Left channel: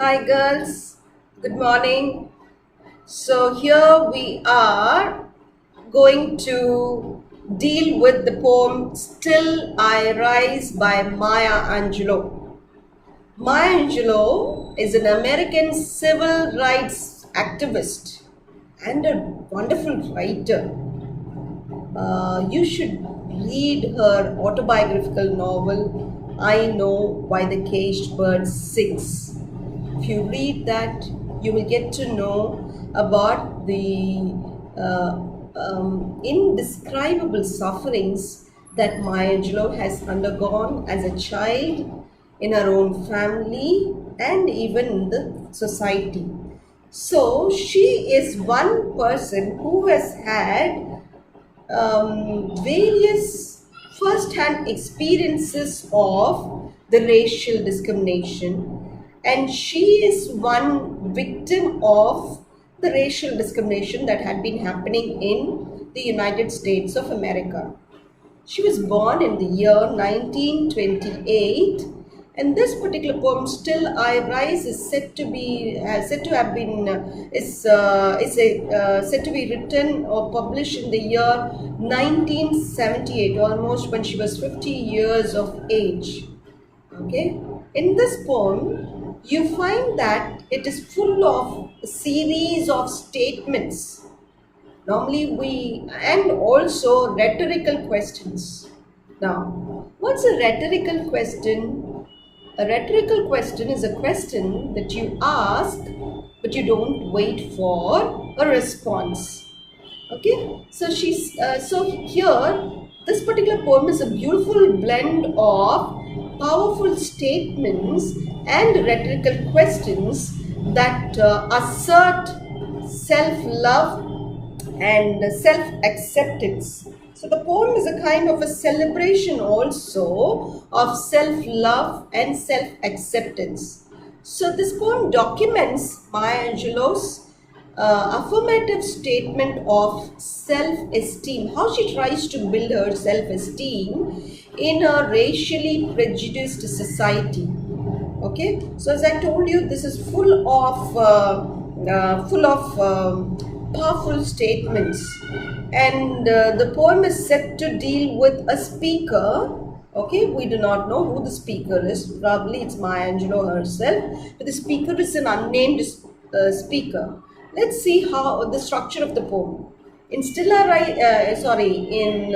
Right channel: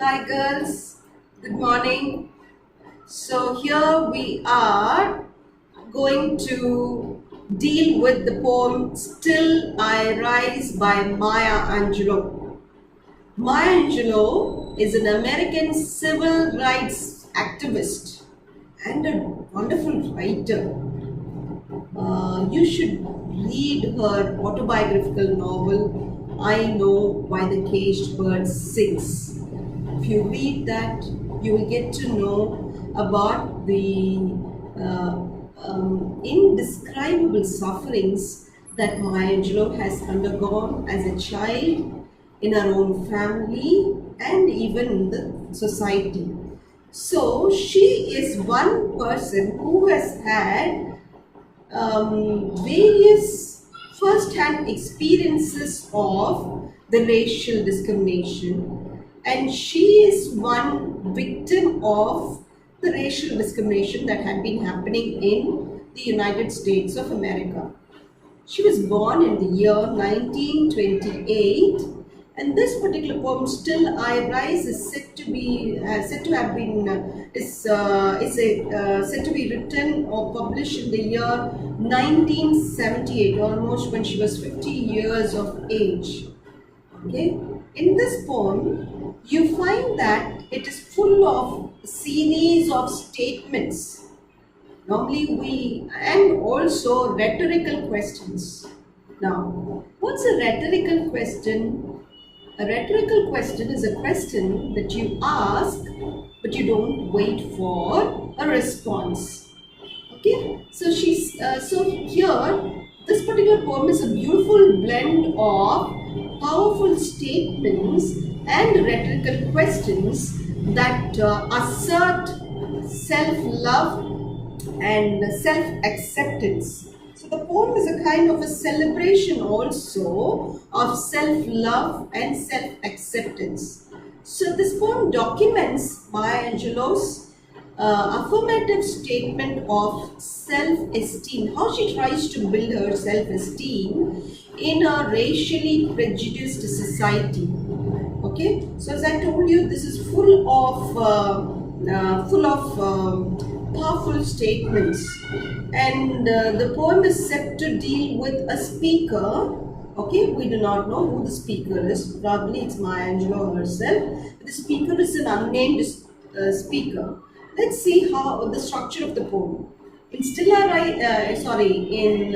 Hi girls, good morning. So here we are going to deal with the poem Still I Rise by Maya Angelou. Maya Angelou is an American civil rights activist and a wonderful writer. You should read her autobiographical novel, I Know Why the Caged Bird Sings. If you read that, you will get to know about the indescribable sufferings that Maya Angelou has undergone as a child in her own family and even in the society. So she is one person who has had various first-hand experiences of the racial discrimination, and she is one victim of the racial discrimination that had been happening in the United States of America. She was born in the year 1928, and this particular poem, "Still I Rise," is said to have been said to be written or published in the year 1978, almost when she was 50 years of age. Okay, in this poem, you find that it is full of a series of statements. Normally and also rhetorical questions. Now, what's a rhetorical question? A rhetorical question is a question that you ask, but you don't wait for a response. Okay, so so here this particular poem is a beautiful blend of powerful statements and rhetorical questions that assert self-love and self-acceptance. So the poem is a kind of a celebration also of self-love and self-acceptance. So this poem documents Maya Angelou's affirmative statement of self-esteem, how she tries to build her self-esteem in a racially prejudiced society. Okay, so as I told you, this is full of powerful statements, and the poem is set to deal with a speaker. Okay, we do not know who the speaker is. Probably it's Maya Angelou herself, but the speaker is an unnamed speaker. Let's see how the structure of the poem. In Stilla in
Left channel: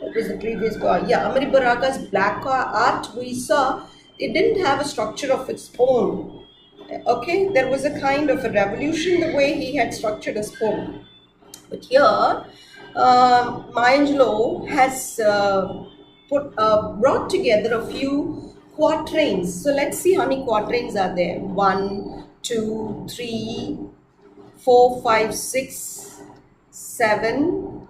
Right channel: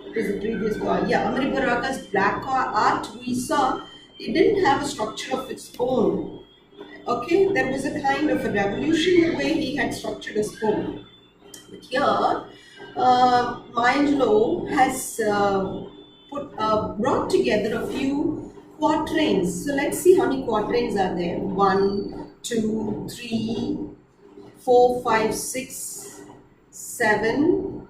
what was the previous one? Yeah, Amari Baraka's Black Art, we saw it didn't have a structure of its own. Okay, there was a kind of a revolution the way he had structured his poem. But here, Maya Angelou has brought together a few quatrains. So let's see how many quatrains are there. 1, 2, 3, 4, 5, 6, 7,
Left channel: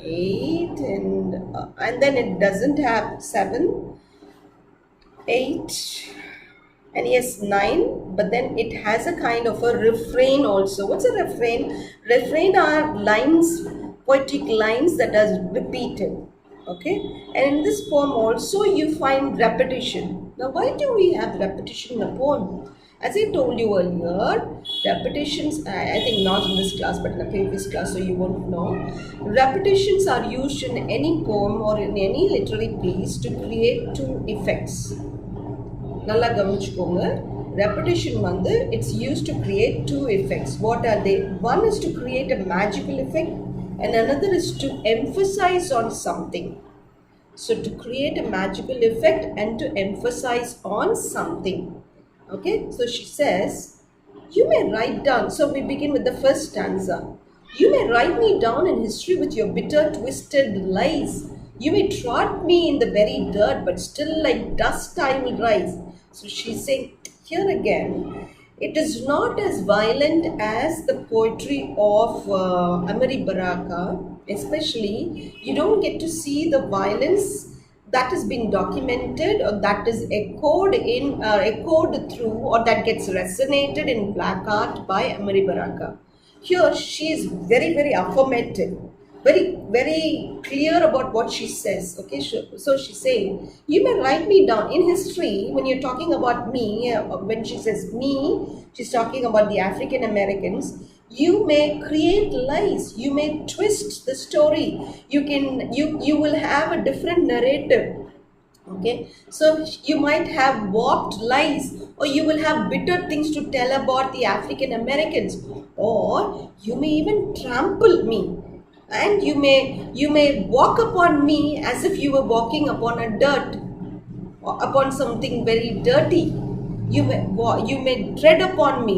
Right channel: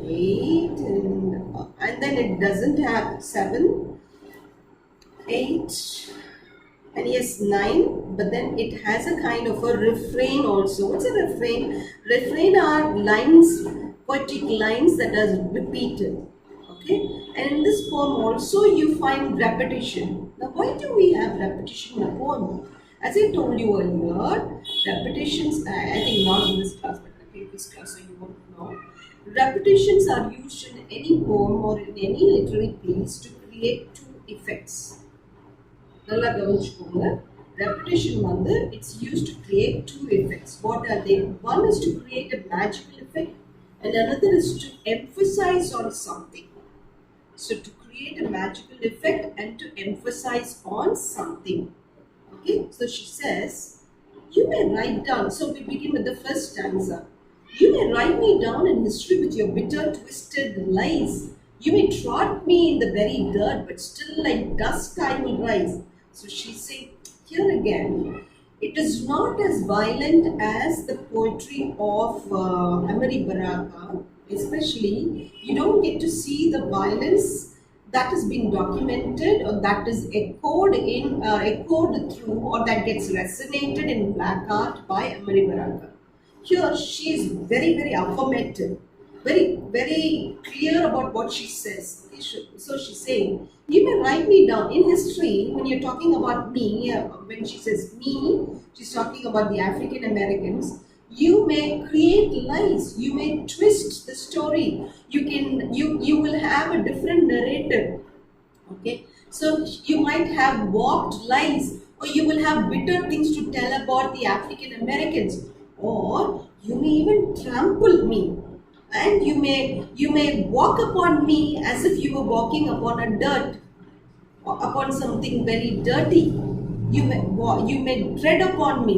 8, and then it doesn't have 7, 8, and yes, 9, but then it has a kind of a refrain also. What's a refrain? Refrain are lines, poetic lines that are repeated. Okay, and in this poem also you find repetition. Now, why do we have repetition in a poem? As I told you earlier, repetitions, I think not in this class but in the previous class, so you won't know. Repetitions are used in any poem or in any literary piece to create two effects. நல்லா கவனிச்சுக்கோங்க. Repetition வந்து it's used to create two effects. What are they? One is to create a magical effect and another is to emphasize on something. So to create a magical effect and to emphasize on something. Okay, so she says, you may write down. So we begin with the first stanza. You may write me down in history with your bitter, twisted lies. You may trot me in the very dirt, but still like dust I will rise. So she's saying here again, it is not as violent as the poetry of Amari Baraka. Especially, you don't get to see the violence that is being documented or that is echoed through or that gets resonated in black art by Amari Baraka. Here she is very, very affirmative. very clear about what she says. Okay, so she's saying, you may write me down in history when you're talking about me. When she says me, she's talking about the African Americans. You may create lies, you may twist the story, you will have a different narrative. Okay, so you might have warped lies, or you will have bitter things to tell about the African Americans, or you may even trample me, and you may walk upon me as if you were walking upon a dirt, or upon something very dirty. You may tread upon me.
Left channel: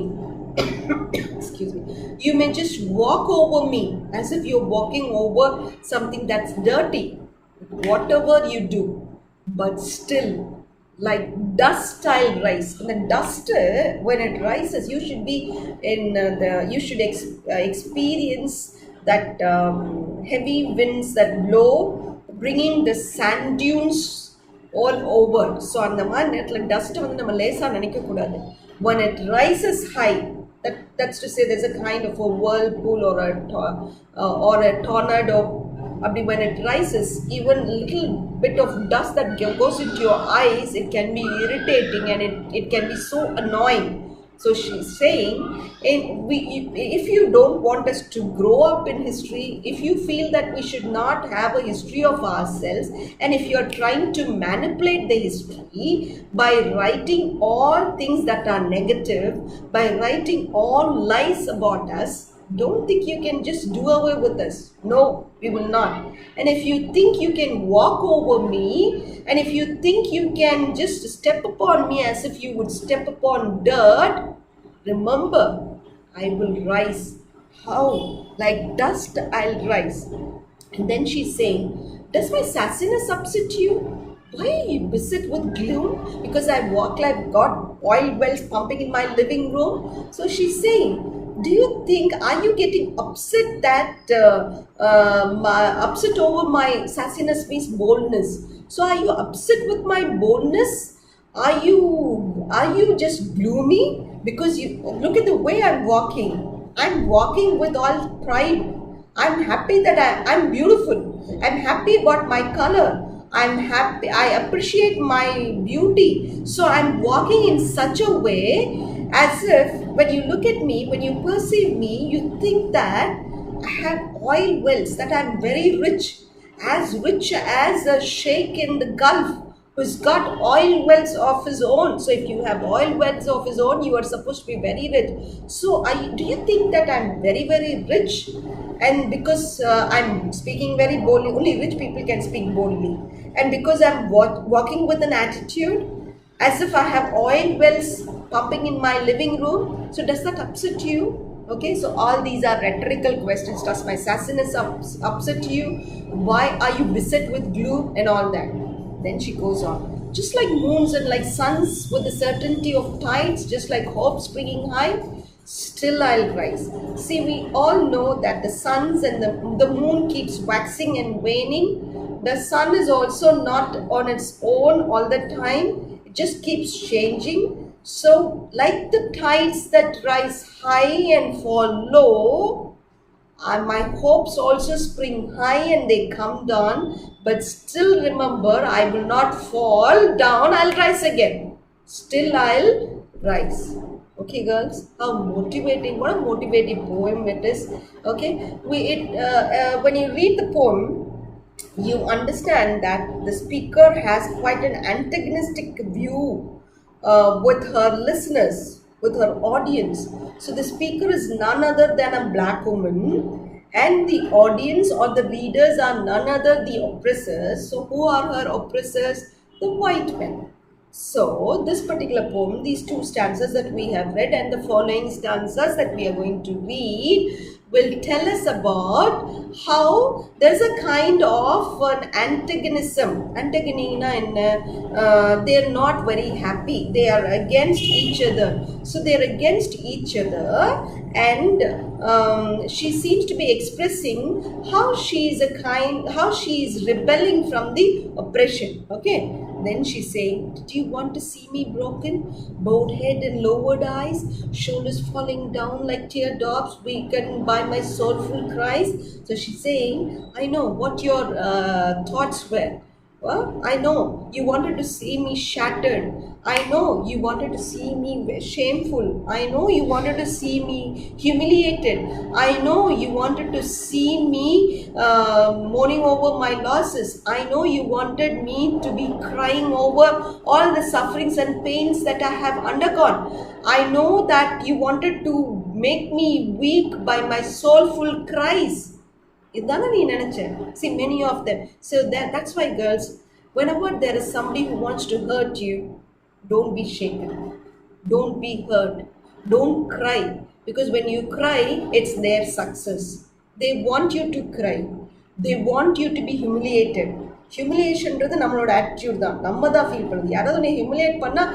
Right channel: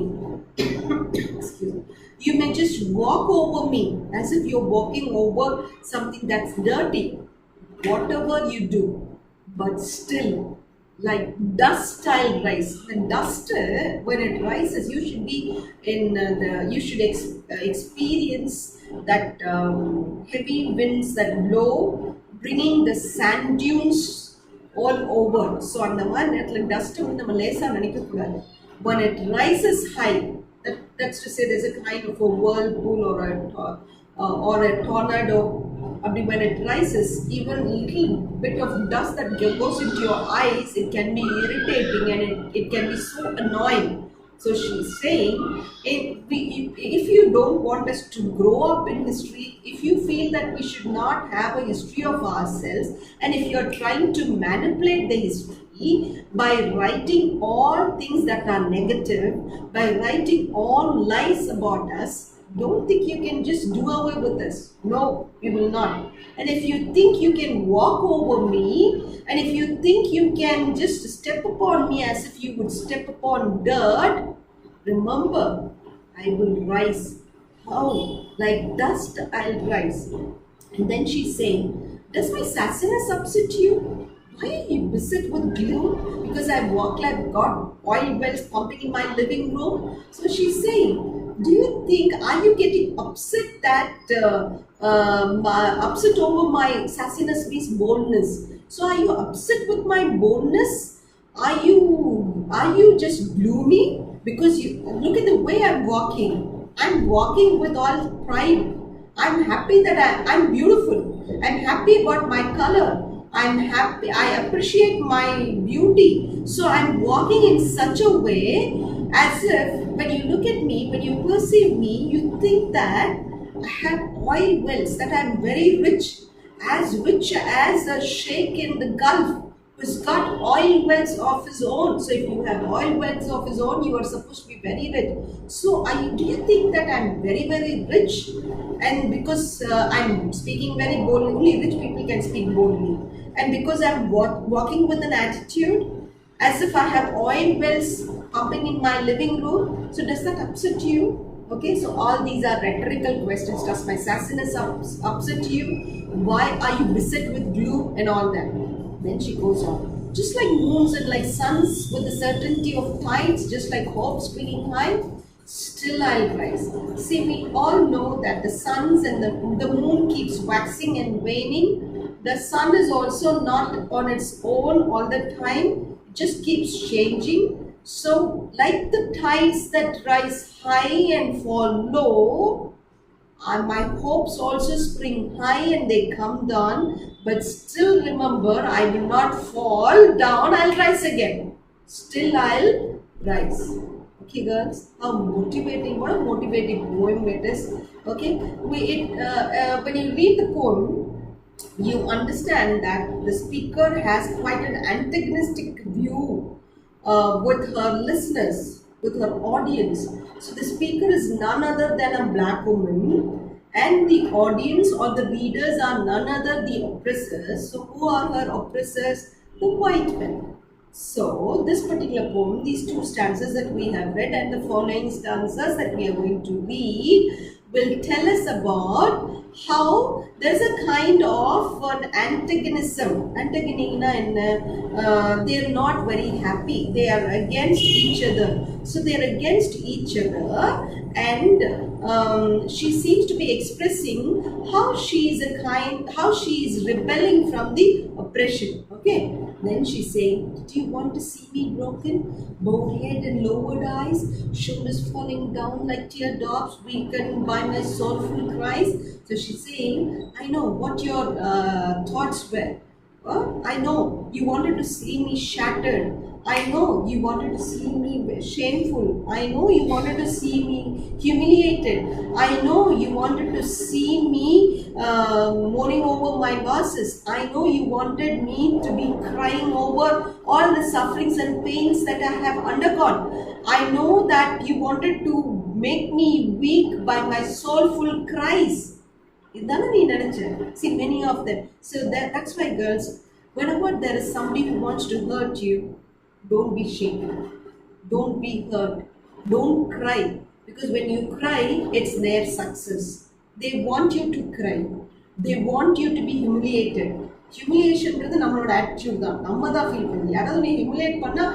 Excuse me. You may just walk over me as if you're walking over something that's dirty. Whatever you do, but still, like dust I'll rise. And the dust, when it rises, you should be in you should experience that heavy winds that blow, bringing the sand dunes all over. So அந்த மாதிரி நேரத்தில் dust வந்து நம்ம லேசாக நினைக்கக்கூடாது. When it rises high, that's to say there's a kind of a whirlpool or a tornado. When it rises, even a little bit of dust that goes into your eyes, it can be irritating, and it can be so annoying. So she's saying, if you don't want us to grow up in history, if you feel that we should not have a history of ourselves, and if you're trying to manipulate the history by writing all things that are negative, by writing all lies about us, don't think you can just do away with us. No, we will not. And if you think you can walk over me, and if you think you can just step upon me as if you would step upon dirt, remember, I will rise. How? Like dust, I'll rise. And then she's saying, does my sassiness upset you? Why are you beset with gloom? Because I walk like got oil wells pumping in my living room. So she's saying, are you getting upset that upset over my sassiness means boldness? So are you upset with my boldness? Are you just gloomy? Because you look at the way I'm walking. I'm walking with all pride. I'm happy that I'm beautiful. I'm happy about my color. I'm happy. I appreciate my beauty. So I'm walking in such a way as if when you look at me, when you perceive me, you think that I have oil wells, that I'm very rich as a sheikh in the Gulf who's got oil wells of his own. So if you have oil wells of his own, you are supposed to be very rich. So do you think that I'm very, very rich? And because I'm speaking very boldly, only rich people can speak boldly. And because I'm walking with an attitude as if I have oil wells pumping in my living room, so does that upset you? Okay, so all these are rhetorical questions. Does my sassiness upset you? Why are you beset with gloom and all that? Then she goes on. Just like moons and like suns with the certainty of tides, just like hope springing high, still I'll rise. See, we all know that the suns and the moon keeps waxing and waning. The sun is also not on its own all the time. It just keeps changing. So, like the tides that rise high and fall low, my hopes also spring high and they come down. But still remember, I will not fall down. I'll rise again. Still I'll rise. Okay, girls, how motivating! What a motivating poem it is. Okay, when you read the poem, you understand that the speaker has quite an antagonistic view with her listeners, with her audience. So the speaker is none other than a black woman, and the audience or the readers are none other the oppressors. So who are her oppressors? The white men. So this particular poem, these two stanzas that we have read and the following stanzas that we are going to read, will tell us about how there's a kind of an antagonism. They're not very happy. They are against each other. So they're against each other, and she seems to be expressing how she is rebelling from the oppression. Okay, then she's saying, "Did you want to see me broken? Bowed head and lowered eyes, shoulders falling down like teardrops, weakened by my soulful cries." So she's saying, "I know what your thoughts were. Well, I know you wanted to see me shattered. I know you wanted to see me shameful. I know you wanted to see me humiliated. I know you wanted to see me mourning over my losses. I know you wanted me to be crying over all the sufferings and pains that I have undergone. I know that you wanted to make me weak by my soulful cries." இதானே நீ நினைச்ச. See, many of them. So that's why, girls, whenever there is somebody who wants to hurt you, don't be shaken, don't be hurt, don't cry, because when you cry, it's their success. They want you to cry, they want you to be humiliated. ஹியூமிலியேஷன்றது நம்மளோட attitude தான், நம்ம தான் feel பண்ணுது. யாராவது நீ humiliate பண்ணால்,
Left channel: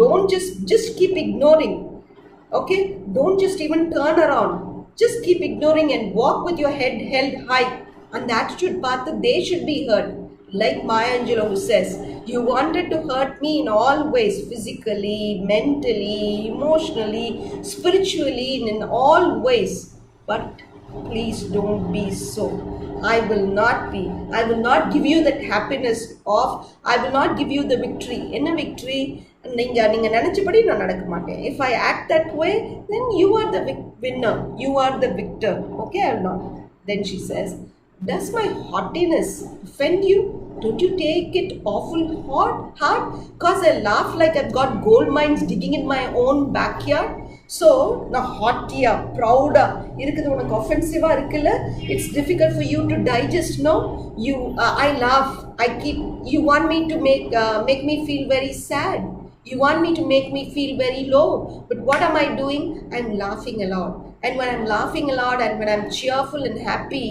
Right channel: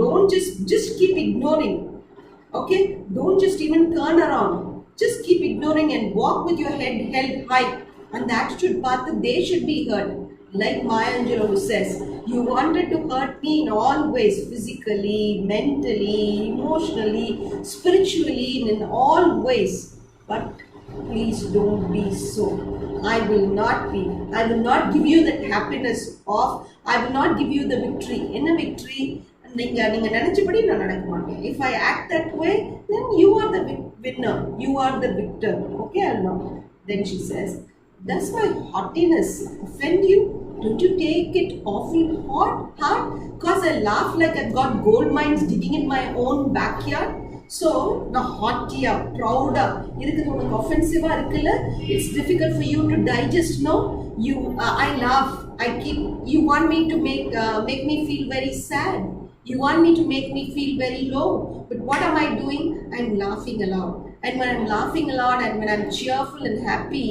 don't just keep ignoring. Okay, don't just even turn around. Just keep ignoring and walk with your head held high. And the attitude path, they should be hurt. Like Maya Angelou, who says, "You wanted to hurt me in all ways, physically, mentally, emotionally, spiritually, in all ways. But please don't be so. I will not give you that happiness of, I will not give you the victory." என்ன victory? நீங்க நினைச்சபடி நான் நடக்க மாட்டேன். If I act that way, then you are the winner, you are the victor. Okay or not? Then she says, "Does my haughtiness offend you? Don't you take it awful hard? Cause I laugh like I've got gold mines digging in my own backyard." So நான் ஹாட்டியா ப்ரௌடா இருக்குது உனக்கு ஒஃபென்சிவா இருக்குல்ல, it's difficult for you to digest. No, you I laugh, you want me to make me feel very sad. You want me to make me feel very low. But what am I doing? I'm laughing a lot. And when I'm laughing a lot and when I'm cheerful and happy,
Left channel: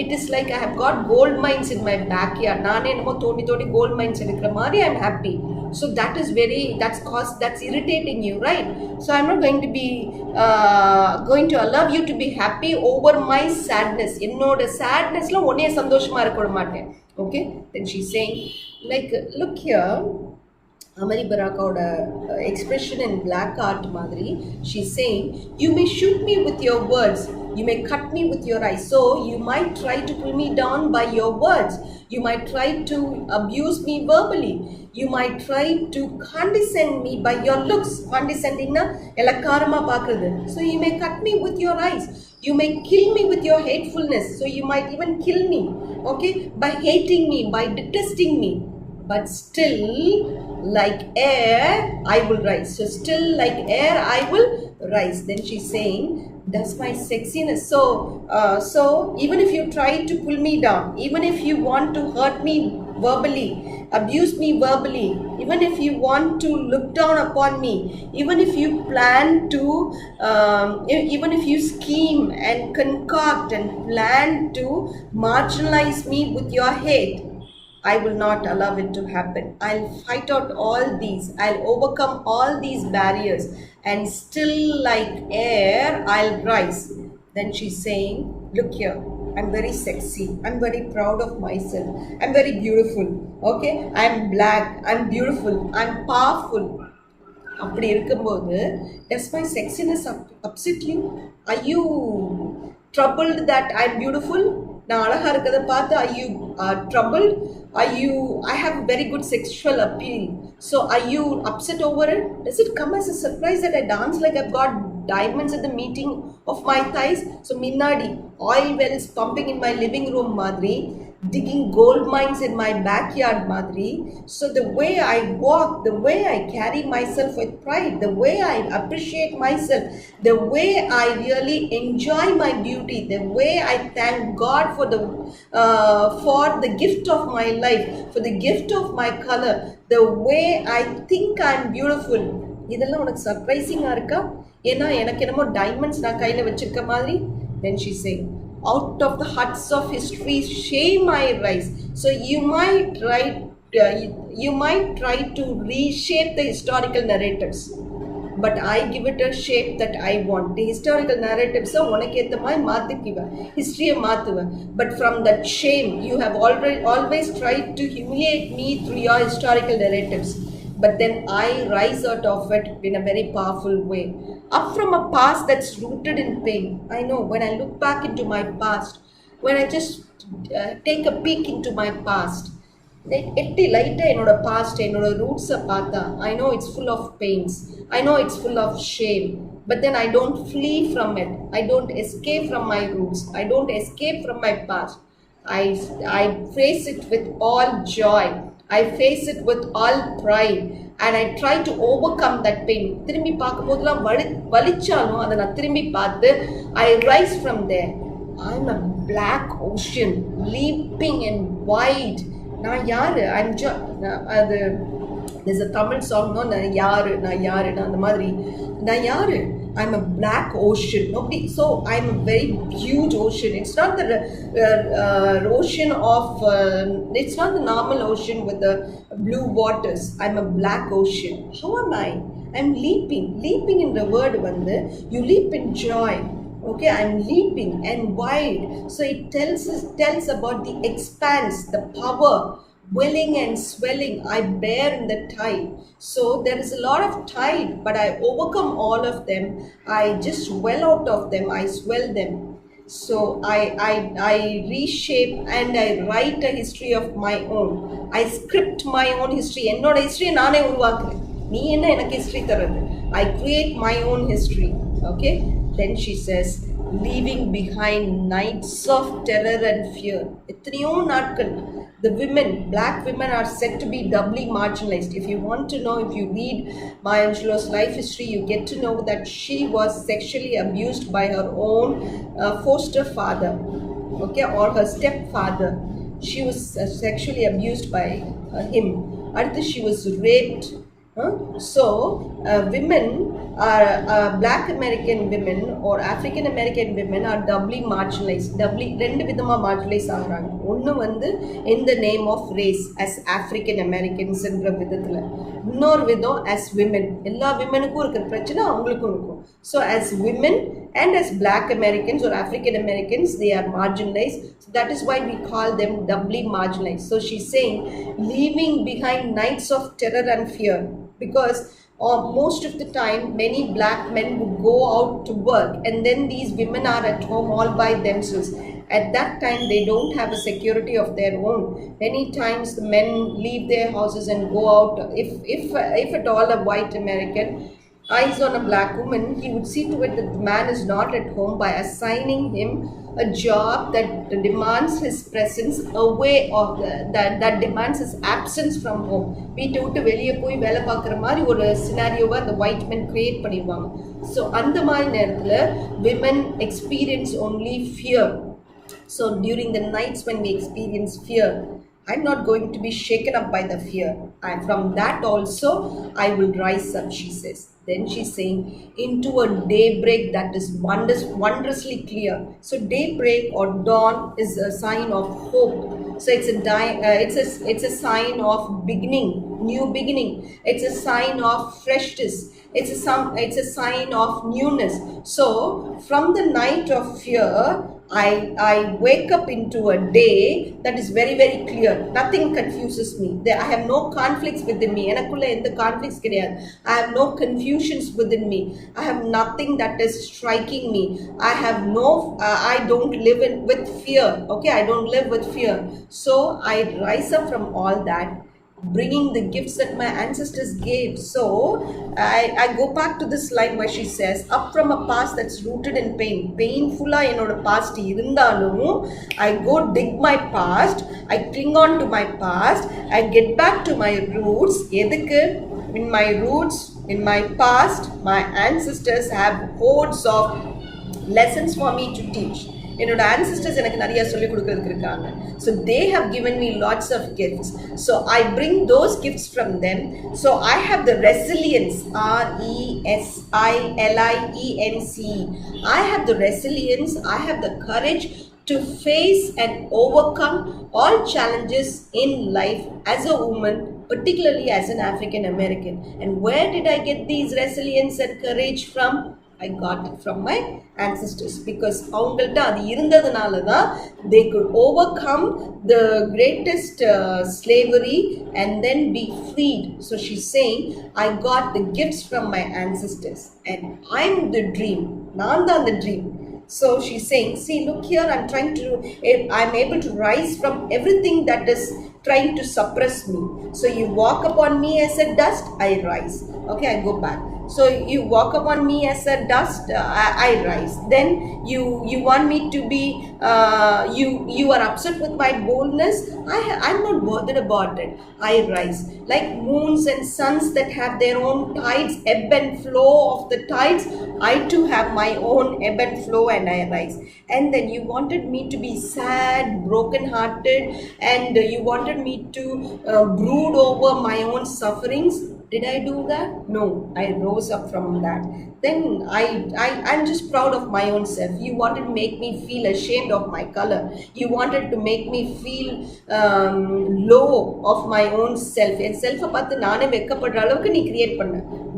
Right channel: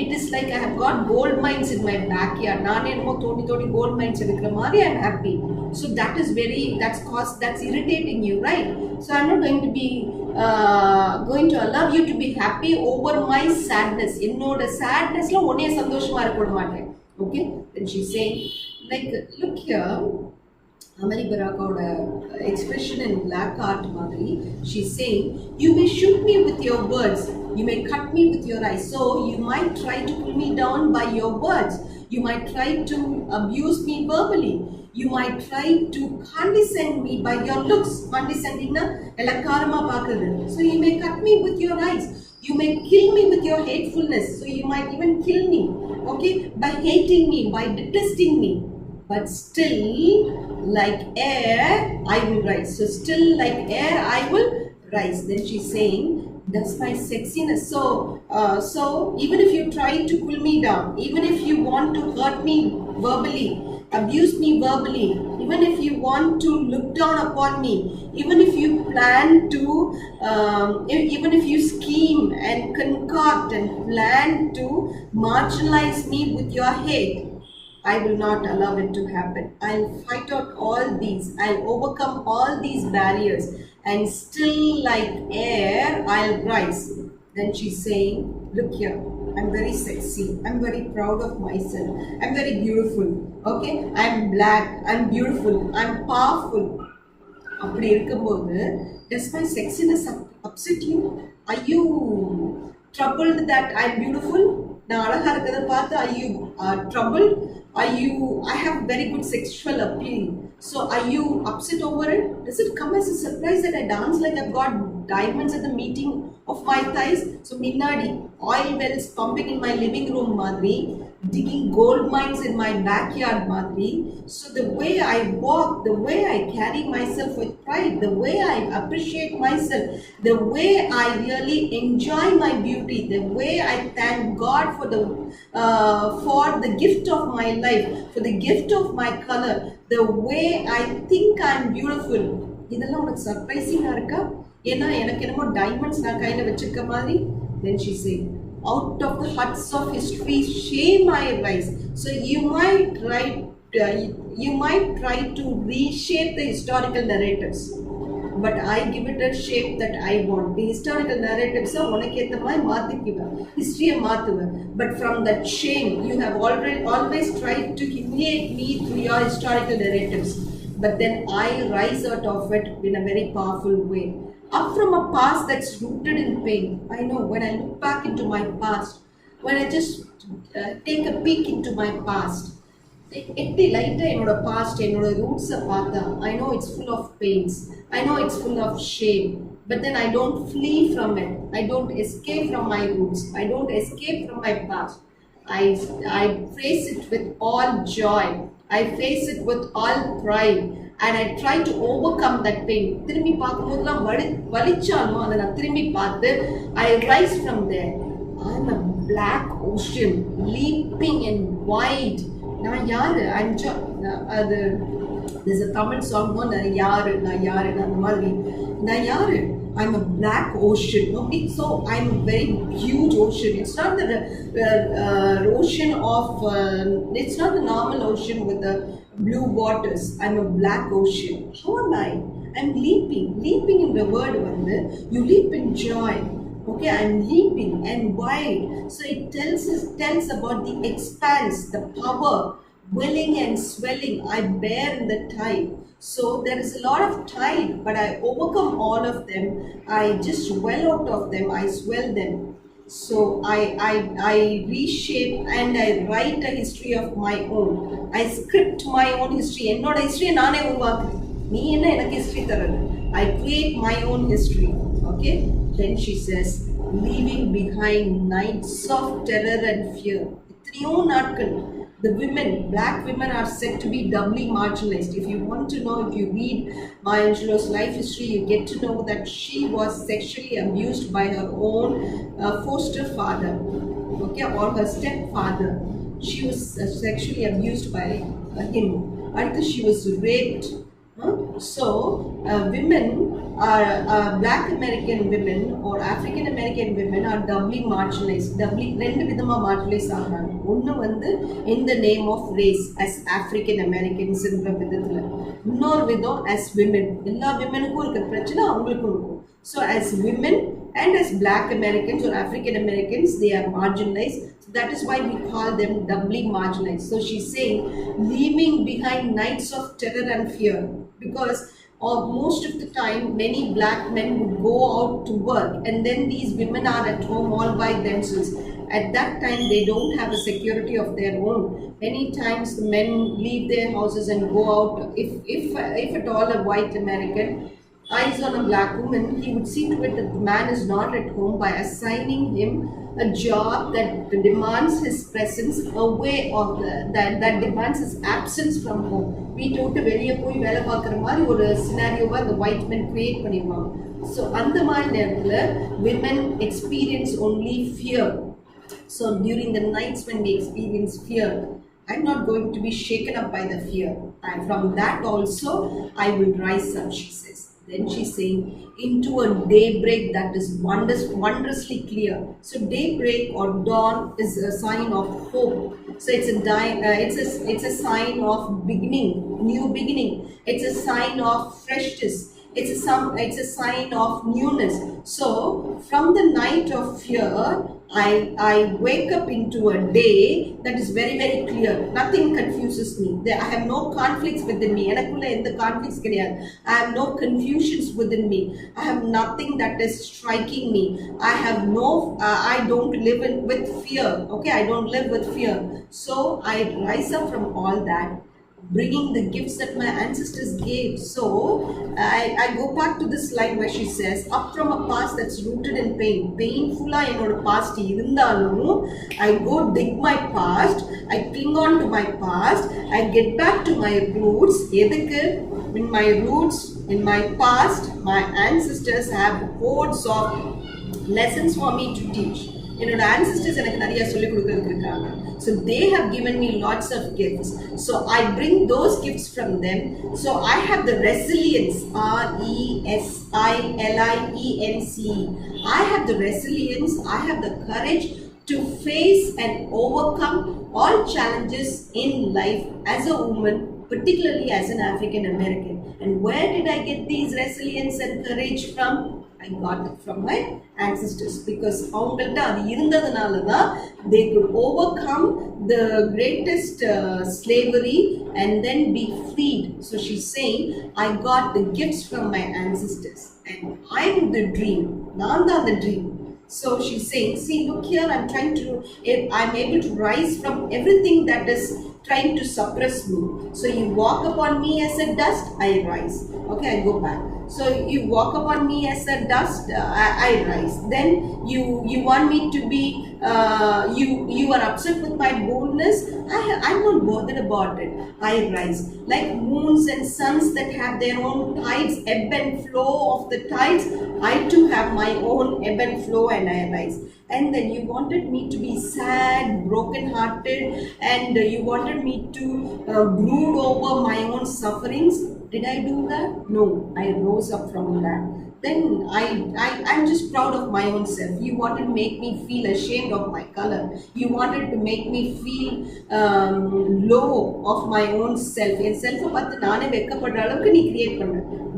it is like I have got gold mines in my backyard. நானே என்னமோ தோண்டி gold mines இருக்கிற மாதிரி I'm happy. So that's irritating you, right? So I'm not going to be going to allow you to be happy over my sadness. என்னோட sadnessல உன்னைய சந்தோஷமா இருக்க விட மாட்டேன். Okay? Then she's saying, like, look here, Amari Barakaoட expression in black art மாதிரி, she's saying, "You may shoot me with your words, you may cut me with your eyes. So you might try to pull me down by your words, you might try to abuse me verbally, you might try to condescend me by your looks." Condescending na elakkarama paakradhu. So you may cut me with your eyes, you may kill me with your hatefulness. So you might even kill me, okay, by hating me, by detesting me. But still, like air, I will rise. So still like air, I will rise. Then she's saying, "Does my sexiness..." So even if you try to pull me down, even if you want to hurt me verbally, abuse me verbally, even if you want to look down upon me, even if you plan to, even if you scheme and concoct and plan to marginalize me with your hate, I will not allow it to happen. I'll fight out all these. I'll overcome all these barriers. And still like air, I'll rise. Then she's saying, "Look here, I'm very sexy. I'm very proud of myself. I'm very beautiful. Okay? I'm black. I'm beautiful. I'm powerful." அப்படி இருக்கும்போது, does my sexiness upset you? Are you troubled that I'm beautiful? நான் அழகா இருக்கிறத பார்த்து are you troubled? I have very good sexual appeal. So are you upset over it? Does it come as a surprise that I dance like I've got diamonds at the meeting of my thighs? So minnadi oil wells pumping in my living room madri, digging gold mines in my backyard madri. So the way I walk, the way I carry myself with pride, the way I appreciate myself, the way I really enjoy my beauty, the way I thank God for the gift of my life, for the gift of my color, the way I think I'm beautiful, இதெல்லாம் உனக்கு சர்ப்ரைசிங்கா இருக்கா? ஏன்னா எனக்கு என்னமோ diamonds நான் கையில வச்சிருக்க மாதிரி. Then she said, "Out of the huts of history, shame I rise." So you might try to reshape the historical narratives. but I give it a shape that I want. The historical narratives are உனக்கு ஏத்த மாதிரி மாத்திக்குவேன், ஹிஸ்டரியை மாத்துவேன். But from that shame, you have always tried to humiliate me through your historical narratives. But then I rise out of it in a very powerful way. Up from a past that's rooted in pain. I know when I look back into my past, when I just take a peek into my past, எட்டி லைட்டாக என்னோட past, என்னோட ரூட்ஸை பார்த்தா, I know it's full of pains, I know it's full of shame, but then I don't flee from it, I don't escape from my roots, I don't escape from my past. I face it with all joy, I face it with all pride, and I try to overcome that pain. திரும்பி பார்க்கும்போதுலாம் வலிச்சாலும் அதை நான் திரும்பி பார்த்து I rise from there. I'm a black ocean leaping and wide. நான் யாரு? அது there's a Tamil song, no, நான் யாரு அந்த மாதிரி நான் யாரு? I'm a black ocean. Nobody, so I'm a very huge ocean. It's not the ocean of it's not the normal ocean with the blue waters. I'm a black ocean. How am I? I'm leaping in the word வந்து you leap in joy. Okay, I'm leaping and wide. So it tells about the expanse, the power, welling and swelling I bear in the tide. So there is a lot of tide, but I overcome all of them. I just well out of them, I swell them. So I reshape and I write a history of my own. I script my own history. என்னோட history நானே உருவாக்குறேன். நீ என்ன எனக்கு history தரது? I create my own history. Okay? Then she says, leaving behind nights of terror and fear. எத்தனையோ நாட்கள். The women, black women, are said to be doubly marginalized. If you want to know, if you read Maya Angelou's life history, you get to know that she was sexually abused by her own foster father, okay, or her stepfather. She was sexually abused by him. Until she was raped. So women are black American women or African American women are doubly marginalized. ரெண்டு விதமா marginalized ஆகுறாங்க. ஒன்று வந்து in the name of race as African Americans என்ற விதத்துல, இன்னொரு விதம் as women. எல்லா விமனுக்கும் இருக்கிற பிரச்சனை அவங்களுக்கும் இருக்கும். So as women and as black Americans or African Americans, they are marginalized. So that is why we call them doubly marginalized. So she's saying, leaving behind nights of terror and fear, because most of the time many black men would go out to work and then these women are at home all by themselves. At that time they don't have a security of their own. Many times the men leave their houses and go out. If at all a white American eyes on a black woman, he would see to it that the man is not at home by assigning him a job that demands his presence away of that demands his absence from home. வீட்டை விட்டு வெளியே போய் வேலை பார்க்குற மாதிரி ஒரு சினாரியோவை அந்த white மென் create பண்ணிடுவாங்க. ஸோ அந்த மாதிரி நேரத்தில் women experience only fear. So during the nights when we experience fear, I'm not going to be shaken up by the fear, and from that also I will rise up, she says. Then she's saying, into a daybreak that is wondrously clear. So daybreak or dawn is a sign of hope. So it's a sign of beginning, new beginning. It's a sign of freshness. It's a sign of newness. So from the night of fear, I wake up into a day that is very, very clear. Nothing confuses me. I have no conflicts within me. எனக்குள்ள எந்த conflicts கிடையாது. I have no confusions within me. I have nothing that is striking me. I don't live with fear. Okay, I don't live with fear. So I rise up from all that, bringing the gifts that my ancestors gave. So I go back to this line where she says, up from a past that's rooted in pain. Painful-ஆ என்னோட past இருந்தாலும் I go dig my past, I cling on to my past, I get back to my roots. எதுக்கு? In my roots, in my past, my ancestors have hordes of lessons for me to teach. என்னோட ancestors எனக்கு நிறைய சொல்லிக் கொடுக்கிறதுக்கு இருக்காங்க. So they have given me lots of gifts. So I bring those gifts from them. So I have the resilience, RESILIENCE. I have the resilience, I have the courage to face and overcome all challenges in life as a woman, particularly as an African American. And where did I get these resilience and courage from? I got it from my ancestors, because அவங்கள்ட்ட அது இருந்ததுனால தான் they could overcome the greatest slavery and then be freed. So she's saying, I got the gifts from my ancestors and I'm the dream. நான் தான் the dream. So she's saying, see, look here, I'm able to rise from everything that is trying to suppress me. So you walk upon me as a dust, I rise. Okay, I go back. So you walk upon me as a dust, I rise. Then you want me to be, you are upset with my boldness. I'm not bothered about it. I rise. Like moons and suns that have their own tides, ebb and flow of the tides, I too have my own ebb and flow and I rise. And then you wanted me to be sad, broken hearted, and you wanted me to brood over my own sufferings. Did I do that? No, I rose up from that. Then I'm just proud of my own self. You wanted to make me feel ashamed of my color. You wanted to make me feel low of my own self. En self பார்த்து நானே வெட்கப்படுற அளவுக்கு நீ create பண்ண.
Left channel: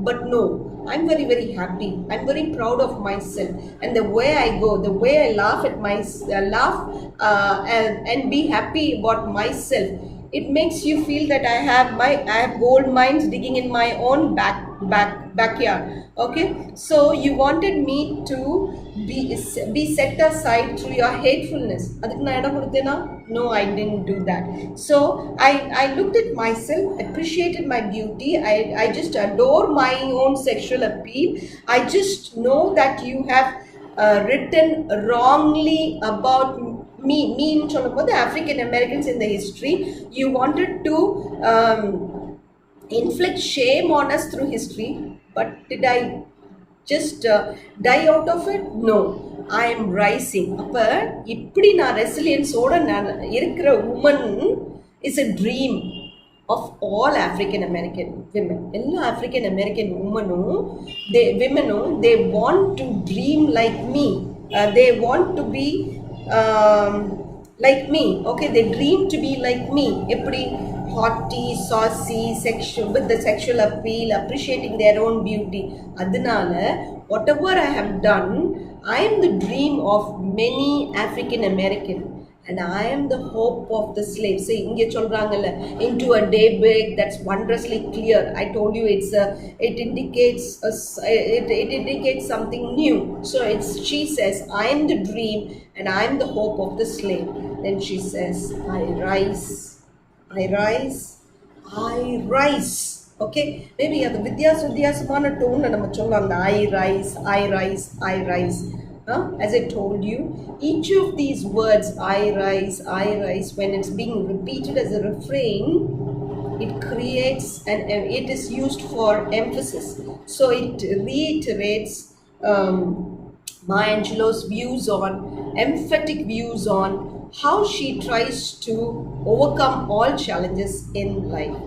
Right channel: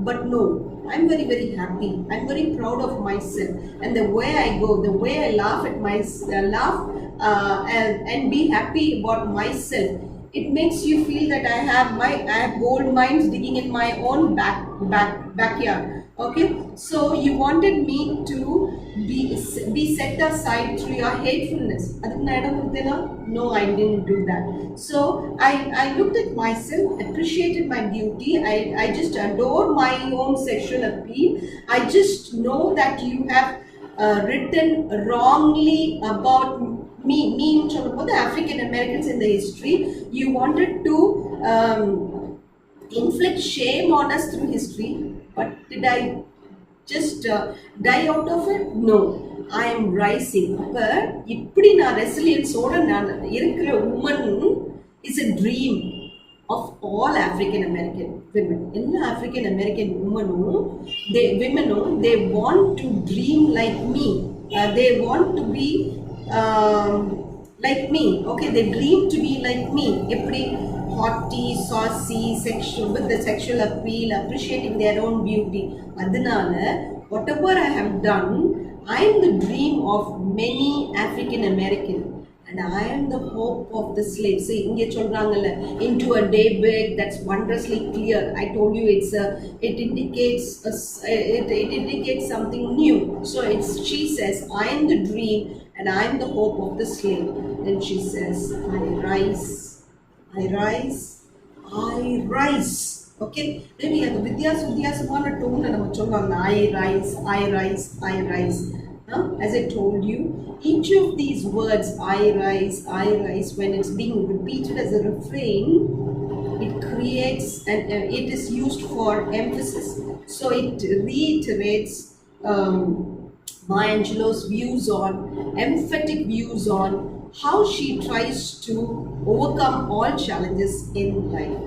But no, I'm very, very happy. I'm very proud of myself. And the way I go, the way I laugh at and be happy about myself, it makes you feel that I have gold mines digging in my own backyard. Okay, so you wanted me to be set aside through your hatefulness. No, I didn't do that. So I looked at myself, appreciated my beauty. I just adore my own sexual appeal. I just know that you have written wrongly about me in the African Americans in the history. You wanted to inflict shame on us through history, but did I just die out of it? No, I am rising. அப்ப இப்படி நான் ரெசிலியன்ஸோட நான் இருக்கிற woman is a dream of all African American women. எல்லா African American women they want to dream like me. They want to be like me. Okay, they dream to be like me. Eppadi haughty, saucy, sexual, with the sexual appeal, appreciating their own beauty. Adunala, whatever I have done, I am the dream of many African American, and I am the hope of the slave. See, inge solrangala, into a daybreak that's wondrously clear. I told you it indicates something new. So she says, I am the dream and I am the hope of the slave. Then she says, I rise, I rise, I rise. Okay, maybe the vidyasudhyasmana tone nama sollanga, I rise, I rise, I rise. As I told you, each of these words, I rise, when it's being repeated as a refrain, it creates and it is used for emphasis. So it reiterates Maya Angelou's emphatic views on how she tries to overcome all challenges in life.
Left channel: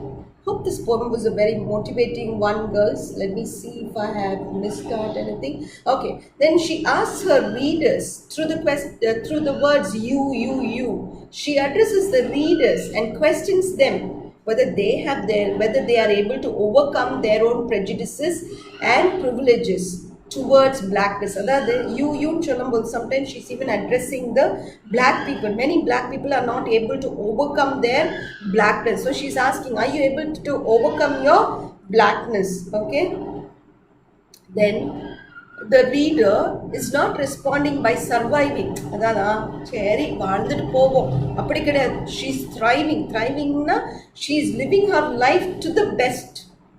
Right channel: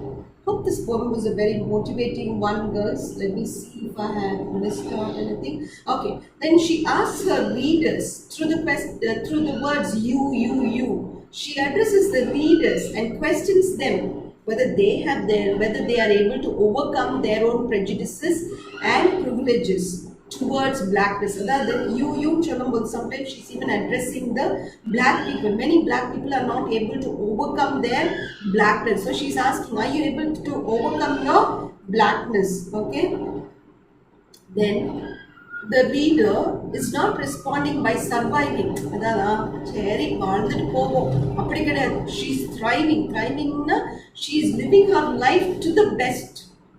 Hope this poem was a very motivating one, girls. Let me see if I have missed out anything. Okay, then she asks her readers through the words you. She addresses the readers and questions them whether they are able to overcome their own prejudices and privileges towards blackness. You sometimes she's even addressing the black people. Many black people are not able to overcome their blackness. So she's asking, are you able to overcome your blackness? Okay. Then the reader is not responding by surviving. She's thriving. She's living her life to the best,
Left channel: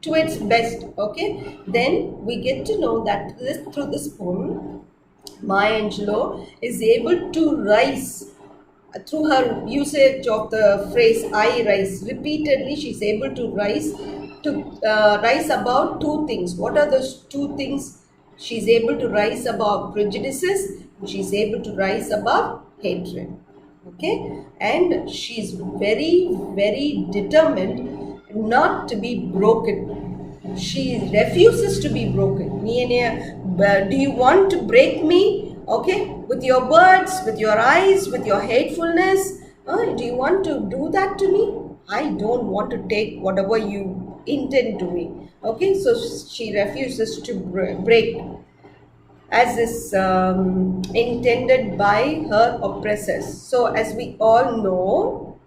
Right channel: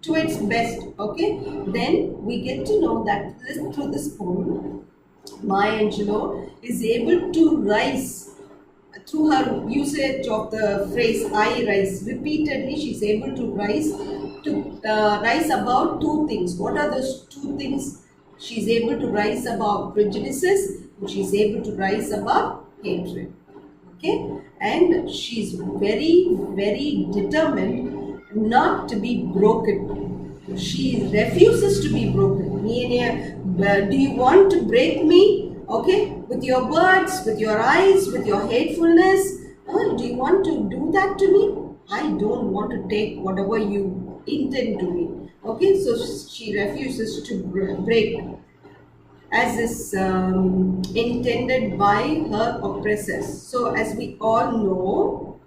to its best. Okay, then we get to know that through this poem, Maya Angelou is able to rise through her usage of the phrase I rise. Repeatedly, she's able to rise above two things. What are those two things? She's able to rise above prejudices. She's able to rise above hatred. Okay, and she's very, very determined not to be broken. She refuses to be broken. Do you want to break me? Okay, with your words, with your eyes, with your hatefulness? Do you want to do that to me? I don't want to take whatever you intend doing. Okay, so she refuses to break as is intended by her oppressors. So as we all know,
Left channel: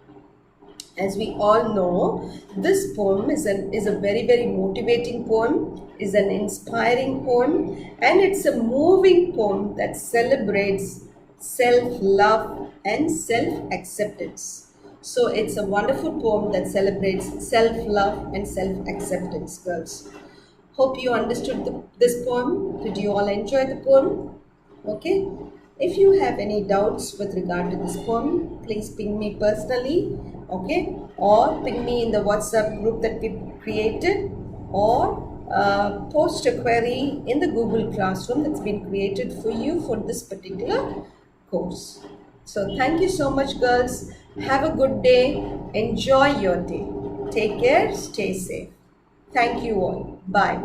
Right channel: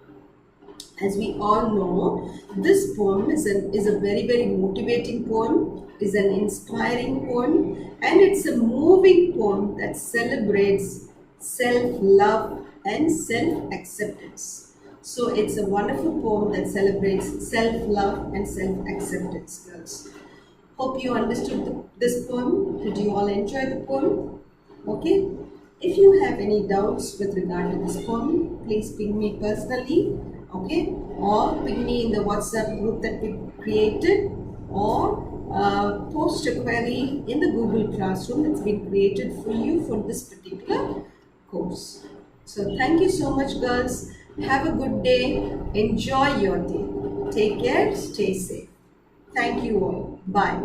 this poem is a very, very motivating poem, is an inspiring poem, and it's a moving poem that celebrates self-love and self-acceptance. So it's a wonderful poem that celebrates self-love and self-acceptance, girls. Hope you understood this poem. Did you all enjoy the poem? Okay. If you have any doubts with regard to this poem, please ping me personally, okay, or ping me in the WhatsApp group that we created, or post a query in the Google Classroom that's been created for you for this particular course. So thank you so much, girls. Have a good day. Enjoy your day. Take care. Stay safe. Thank you all. Bye.